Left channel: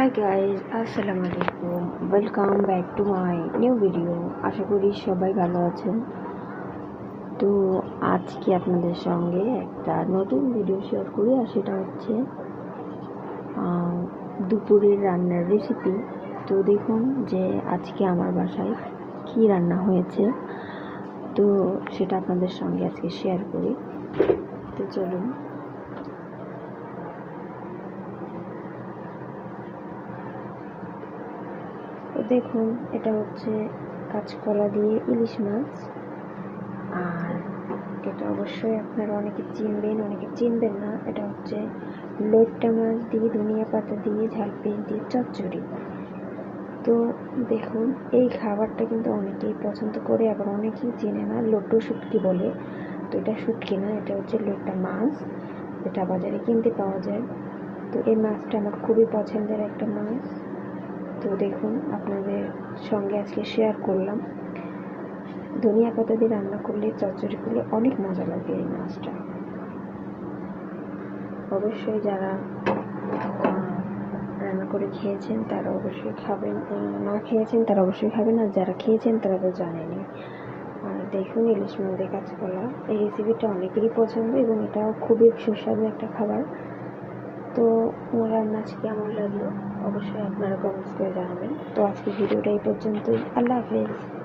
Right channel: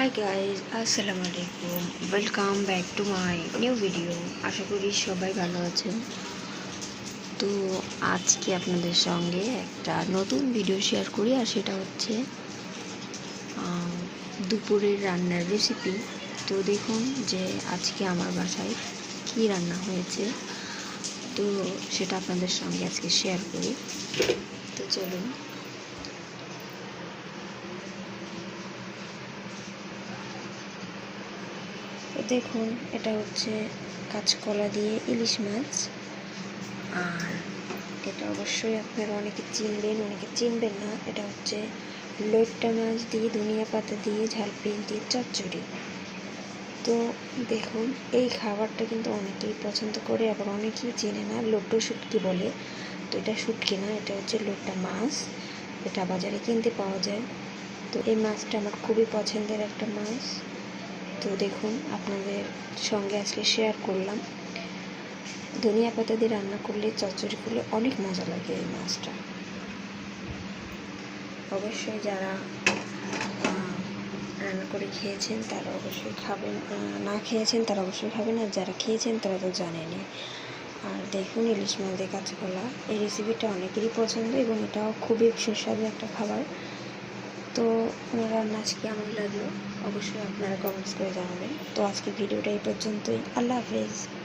High guys আসসালামু আলাইকুম welcome back to my new video আশা করি সবাই ভালো আছেন। তো আজকে আপনাদের সঙ্গে একটা নতুন ভিডিও শেয়ার করি, আর সেটা হচ্ছে দুপুরের রান্নার রেসিপি তো দেখুন যে আজকে আমার বাসায় কী রান্না হয়েছে। তো সেটা আপনাদের সঙ্গে আজকে শেয়ার করি। তো চলুন। দেখুন, এটা হচ্ছে কাঁচকলা দিয়ে ইলিশ মাছ। আর এটা অবশ্যই আপনারা অনেকে চিনবেন অনেকে চিনবেন না। এটা হচ্ছে লোট্টা মাছ দিয়ে, ধনিয়া পাতা দিয়ে ঝালপিল দিয়ে, চচ্চড়ি। তো দেখুন, এই খাবারটা কিন্তু অনেকেই পছন্দ করে, আবার অনেকেই চেনে না লোট্টো শুটকি বলে। তো এটা শুটকি না, এটা হচ্ছে লোট্টা মাছ। এটা বাজারে কিনতে পাওয়া যায়। তো এই মাছটা আমার খুবই পছন্দের একটা মাছ। তো দেখুন, আপনাদের সঙ্গে আজকে শেয়ার করলাম। ধনিয়া পাতা দিয়ে রান্না করলে চচ্চড়িগুলো অনেক মজা লাগে এই মাছটা। অবশ্যই যারা রান্না করে খেয়েছেন তারা অবশ্যই খাবেন না খেয়েছেন তারা অবশ্যই খাবেন, আর যারা খেয়েছেন তারা তো জানেনি আর দেখুন, ইলিশ মাছ দিয়ে কাঁচকলা এই রেসিপিটা অনেকেরই পছন্দ এবং এটাও খুবই সুস্বাদু একটা খাবার। তো রান্না আজকে আমার লাগল? অবশ্যই আপনারা কমেন্টস করে জানাবেন। তো আজকে ভিডিওটা এই পর্যন্তই। আল্লাহ হাফেজ।